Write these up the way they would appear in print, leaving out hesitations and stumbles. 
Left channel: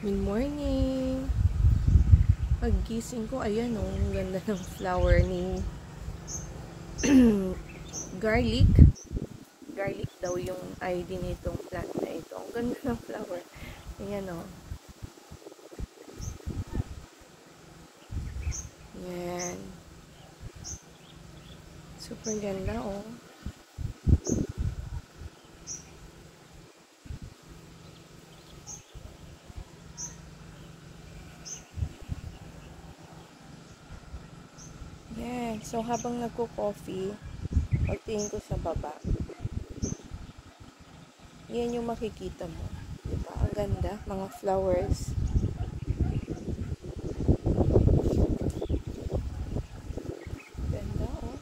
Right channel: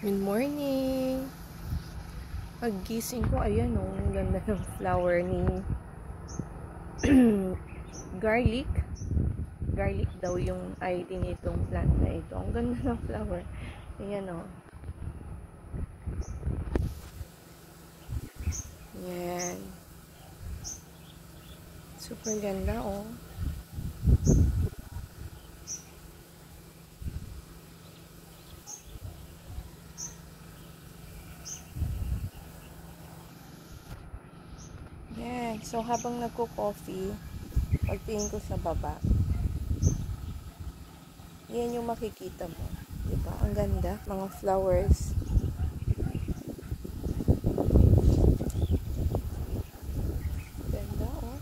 Good morning! Paggising ko, ayan o, ang ganda ng flower ni garlic. Garlic daw yung ID nitong plant na ito. Ang ganda ng flower. Ayan o. Ayan. Super ganda o. Yan. So, habang nagko-coffee, pagtingin ko sa baba, yan yung makikita mo. Diba? Ang ganda. Mga flowers. Ganda, oh.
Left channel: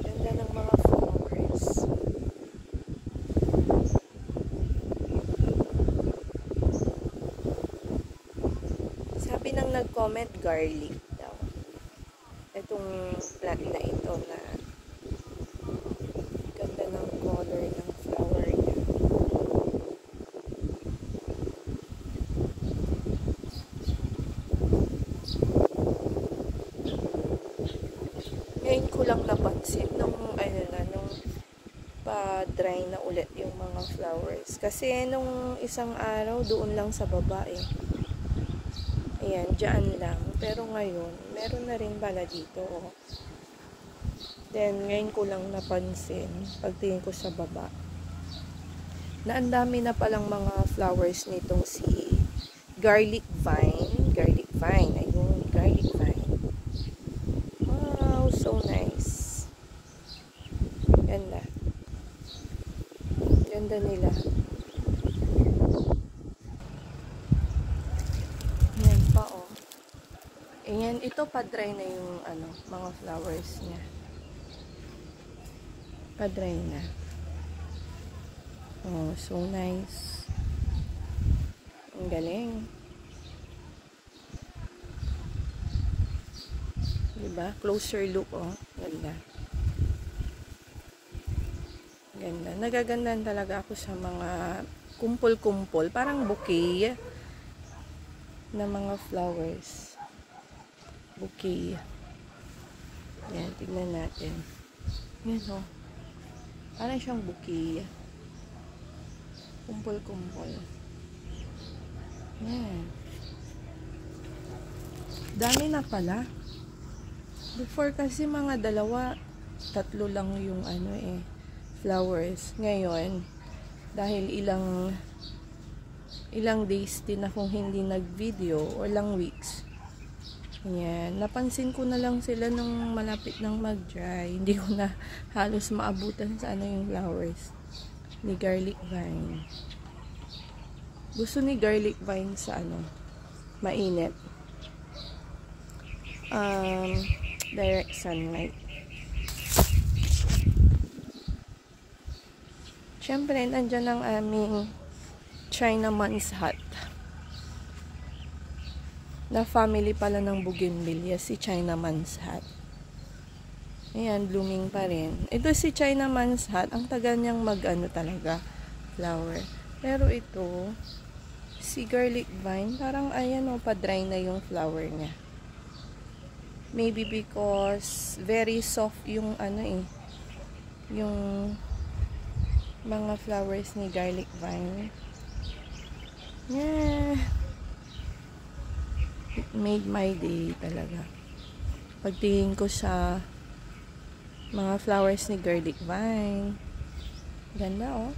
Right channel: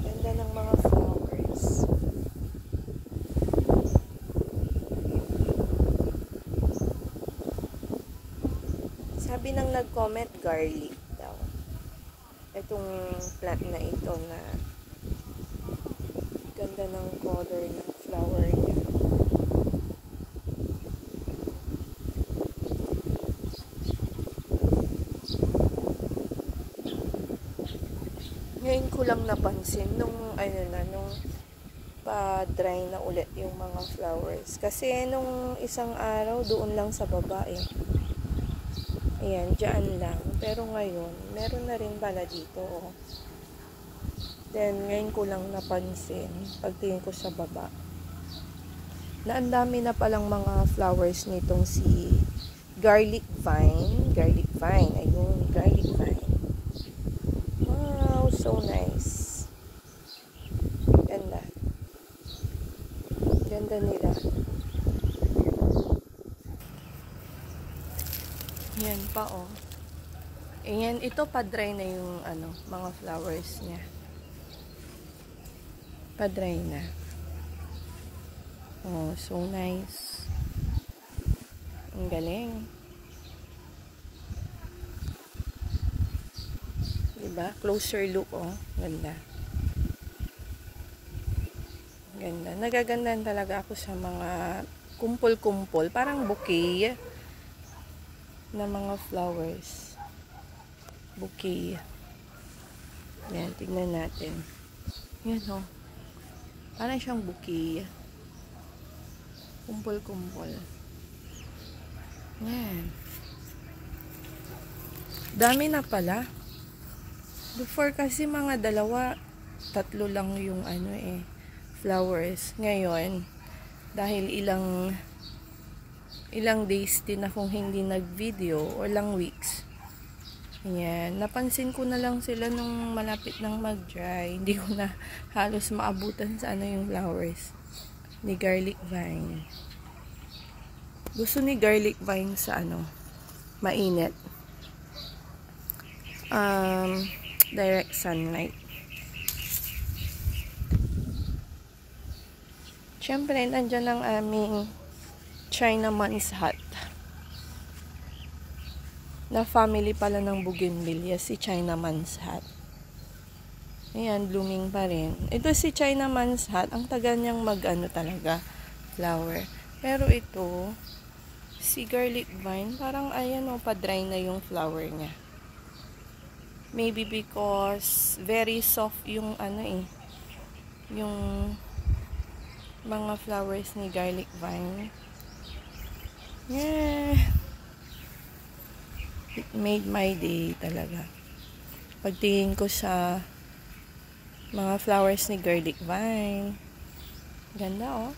Ganda ng mga flowers. Sabi nang nag-comment, garlic daw. Itong plant na ito na ganda ng color ng flower niya. Ngayon ko lang napansin nung pa-dry na ulit yung mga flowers. Kasi nung isang araw doon lang sa baba eh. Ayan, dyan lang. Pero ngayon, meron na rin pala dito. Oh. Then, ngayon ko lang napansin, pagtingin ko sa baba, na ang dami na palang mga flowers nitong si garlic vine. Garlic vine. Ayun, garlic vine. Wow, so nice. Ganda. Ganda nila. Yan pa oh. Ayan, ito pa-dry na yung mga flowers niya. Pa-dry na. Oh, so nice. Ang galing. Diba? Closer look oh. Ganda. Ganda. Nagagandahan talaga ako sa mga kumpol-kumpol. Parang bouquet na mga flowers. Bouquet. Yan, tignan natin. Yan o. Parang siyang bouquet. Kumpol-kumpol. Yan. Dami na pala. Before kasi mga dalawa, tatlo lang yung flowers. Ngayon, dahil ilang days din akong hindi nag-video o ilang weeks. Ayan, napansin ko na lang sila nung malapit nang mag-dry. Hindi ko na halos maabutan sa yung flowers ni garlic vine. Gusto ni garlic vine sa mainit. Direct sunlight. Siyempre, nandyan ang aming Chinaman's hat. Na family pala ng bougainvillea, si Chinaman's hat. Ayan, blooming pa rin. Ito si Chinaman's hat, ang tagal niyang talaga, flower. Pero ito, si garlic vine, parang ayan o, pa-dry na yung flower niya. Maybe because very soft yung yung mga flowers ni garlic vine. Yeah. It made my day talaga. Pagtingin ko sa mga flowers ni garlic vine. Ganda oh.